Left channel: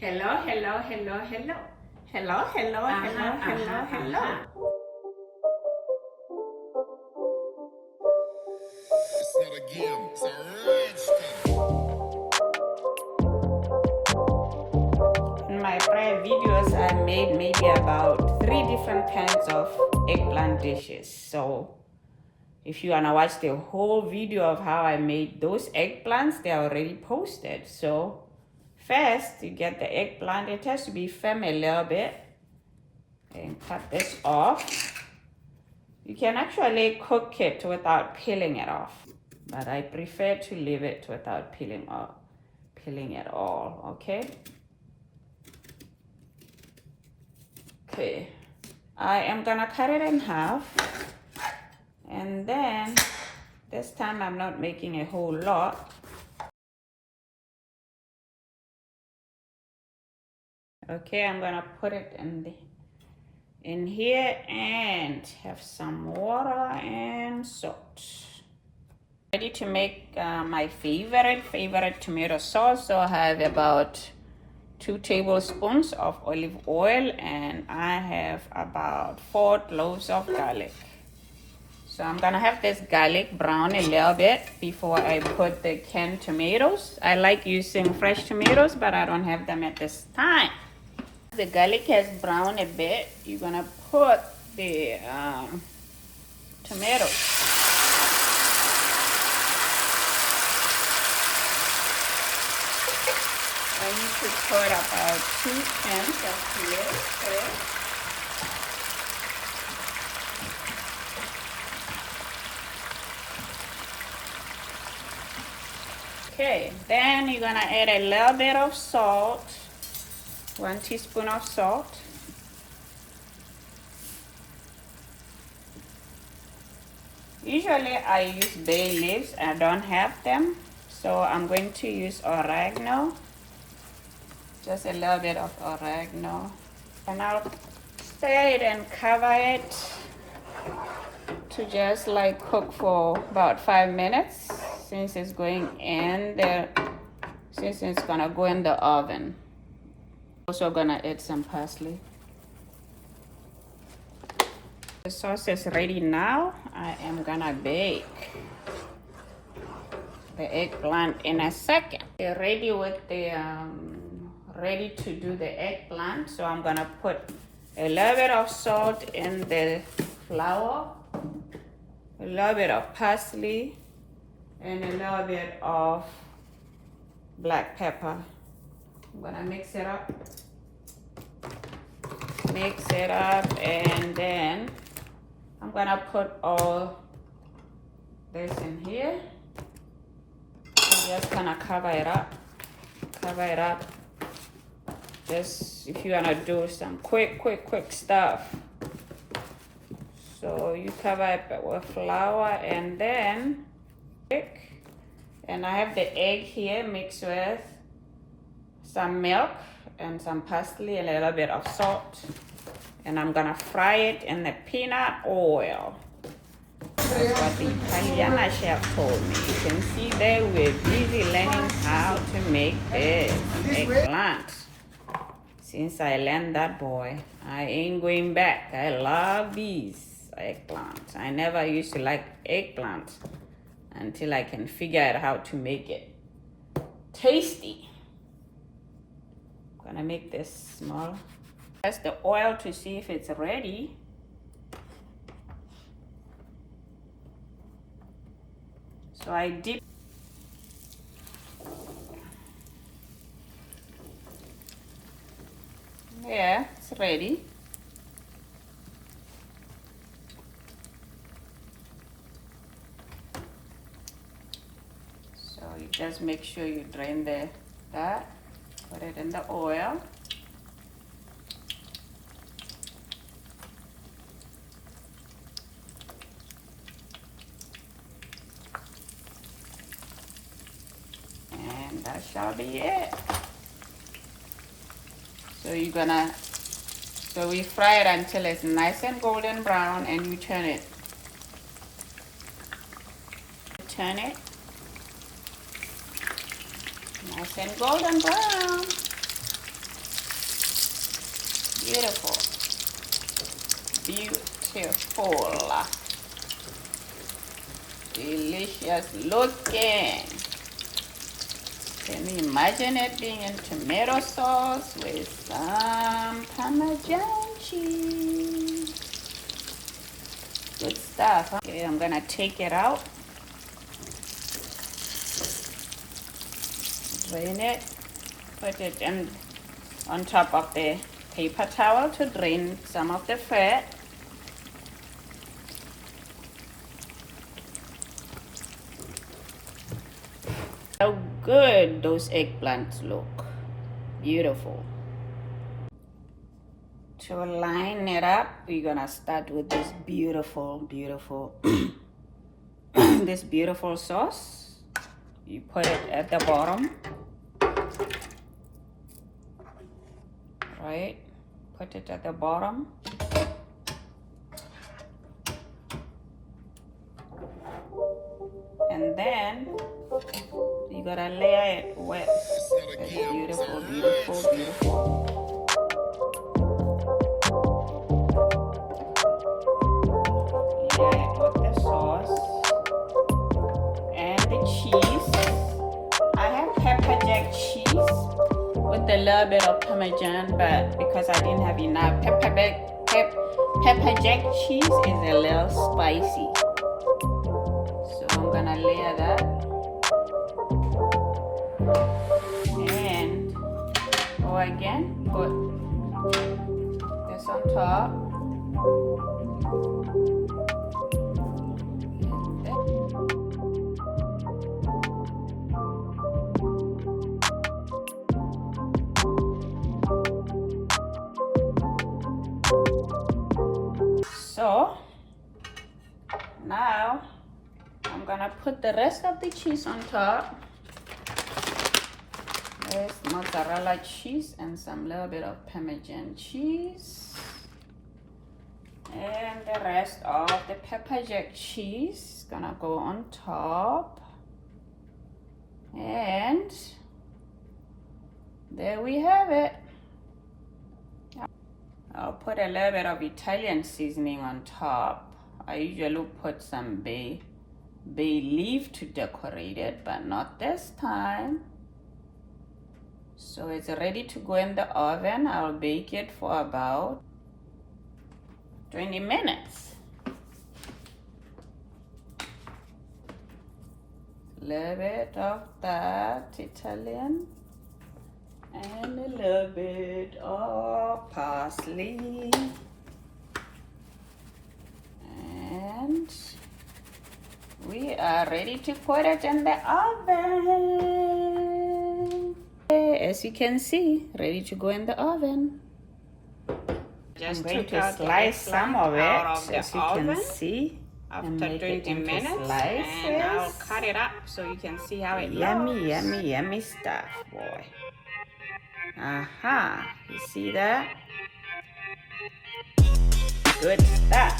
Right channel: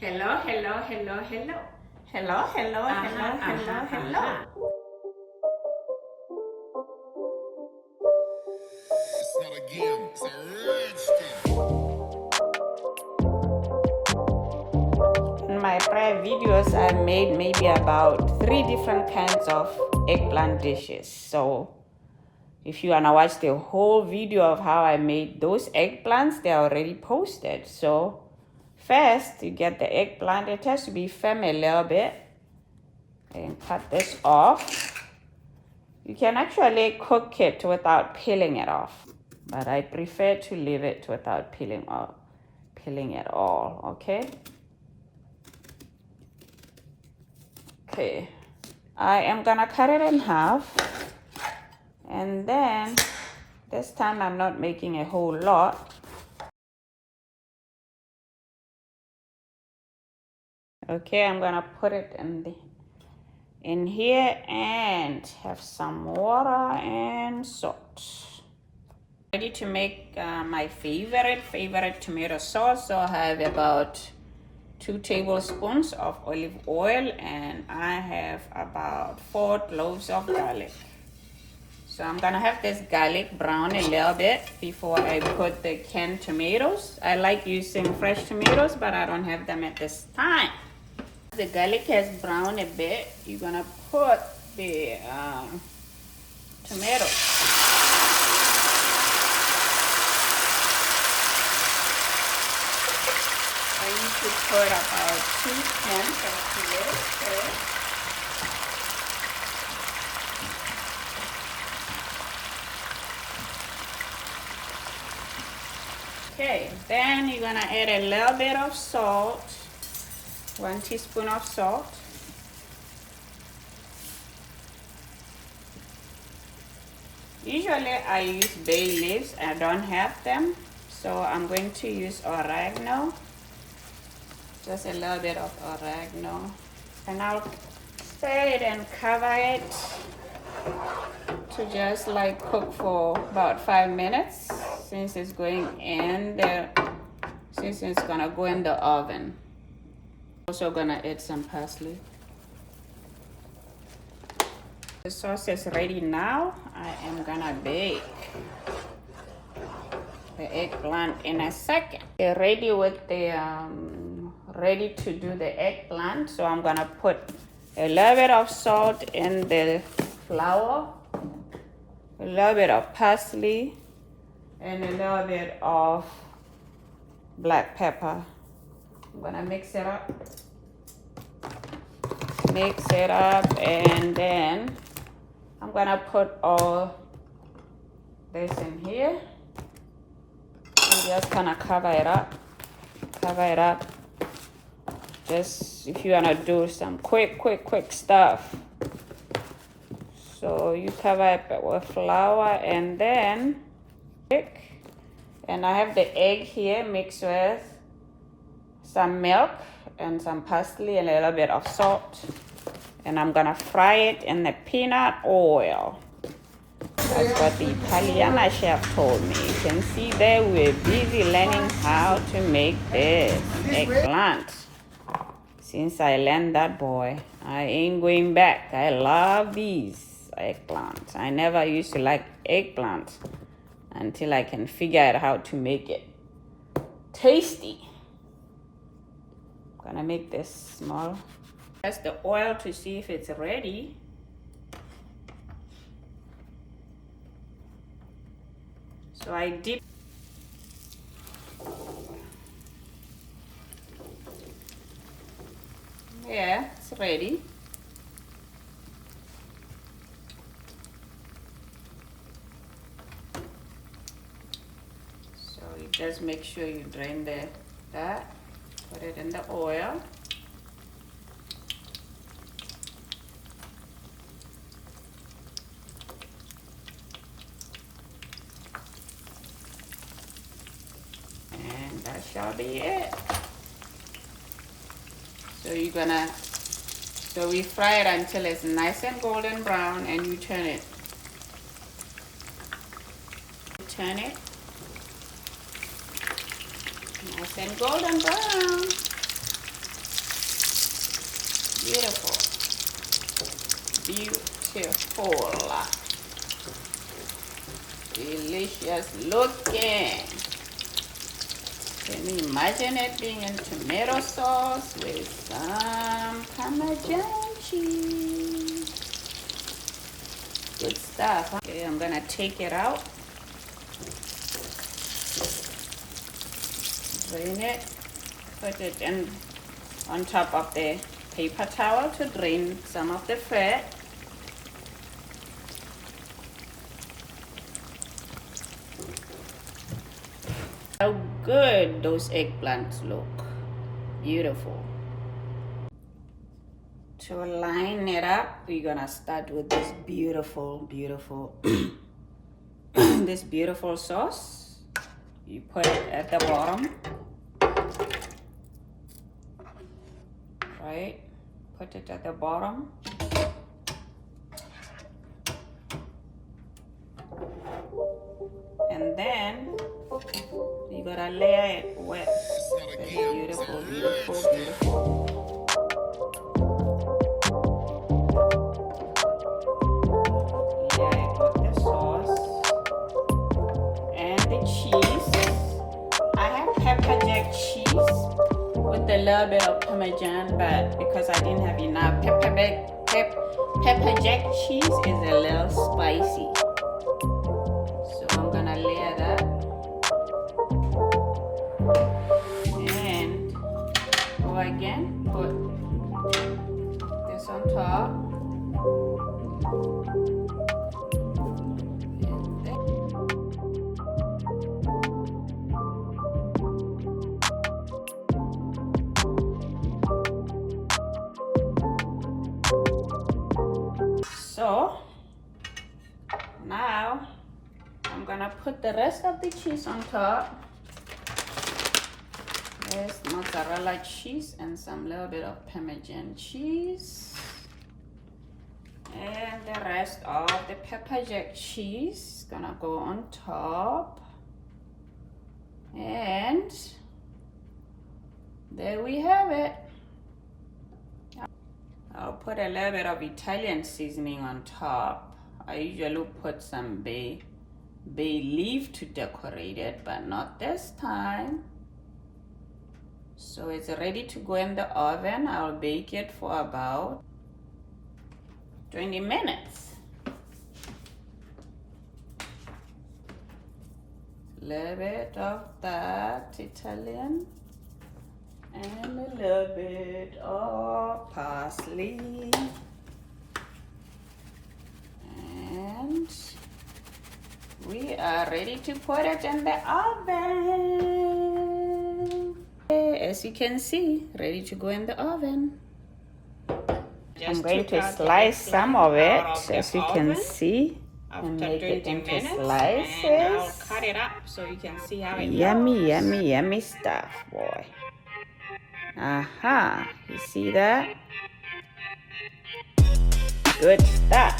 Hello, hello, hello, hello. Hello, hello, hello, hello, hello. It's not a game, it's a rich thing. In my prior videos, I made maybe about 3 different kinds of eggplant dishes. So if you wanna watch the whole video of how I made those eggplants, they're already posted. So first, you get the eggplant. It has to be firm a little bit. And cut this off. You can actually cook it without peeling it off, but I prefer to leave it without peeling it all, okay? Okay, I am gonna cut it in half, and then this time I'm not making a whole lot. Okay, I'm gonna put it in here and have some water and salt. Ready to make my favorite tomato sauce. So I have about 2 tablespoons of olive oil, and I have about 4 cloves of garlic. So I'm gonna have this garlic brown a little bit before I put the canned tomatoes. I like using fresh tomatoes, but I don't have them at this time. The garlic has browned a bit. You're gonna put the tomatoes. I need to put about 2 cans of tomatoes. Okay, then you're gonna add a little bit of salt, 1 teaspoon of salt. Usually I use bay leaves. I don't have them, so I'm going to use oregano. Just a little bit of oregano. And I'll stir it and cover it to just like cook for about 5 minutes since it's going since it's gonna go in the oven. Also gonna add some parsley. The sauce is ready now. I am gonna bake the eggplant in a second. They're ready with the ready to do the eggplant. So I'm gonna put a little bit of salt in the flour, a little bit of parsley, and a little bit of black pepper. I'm gonna mix it up, and then I'm gonna put all this in here. I'm just gonna cover it up. Just if you wanna do some quick stuff. So you cover it with flour, and then and I have the egg here mixed with some milk and some parsley, a little bit of salt, and I'm gonna fry it in the peanut oil. That's what the Italian chef told me. You can see there we're busy learning how to make this eggplant. Since I learned that, boy, I ain't going back. I love these eggplants. I never used to like eggplants until I can figure out how to make it tasty. I'm gonna make this small. Test the oil to see if it's ready. So I dip. Yeah, it's ready. So you just make sure you drain that, put it in the oil. And that shall be it. So we fry it until it's nice and golden brown, and you turn it. Nice and golden brown. us looking? Can you imagine it being in tomato sauce with some Parmesan cheese? Good stuff. Okay, I'm gonna take it out. Drain it. Put it in on top of the paper towel to drain some of the fat. How good those eggplants look. Beautiful. To line it up, we're gonna start with this beautiful this beautiful sauce. You put it at the bottom. Right? Put it at the bottom. And then you gotta layer it wet. It's not a It's game. beautiful, It's a beautiful, red beautiful. Layer it with the sauce and the cheese. I have pepper jack cheese with a little bit of Parmesan, but because I didn't have enough, pepper jack cheese is a little spicy. So I'm gonna layer that. And go again, put this on top. So now I'm gonna put the rest of the cheese on top. There's mozzarella cheese and some little bit of Parmesan cheese. And the rest of the pepper jack cheese is gonna go on top. And there we have it. I'll put a little bit of Italian seasoning on top. I usually put some bay leaf to decorate it, but not this time. So it's ready to go in the oven. I'll bake it for about 20 minutes. Little bit of that Italian and a little bit of parsley. And we are ready to put it in the oven. As you can see, ready to go in the oven. Just I'm going took to out slice the some of eggplant out it, of the as you oven can see. after 20 minutes, slices. and I'll cut it up so you can see how it Yummy, looks. yummy, yummy stuff, boy. Aha, you see that? Good stuff.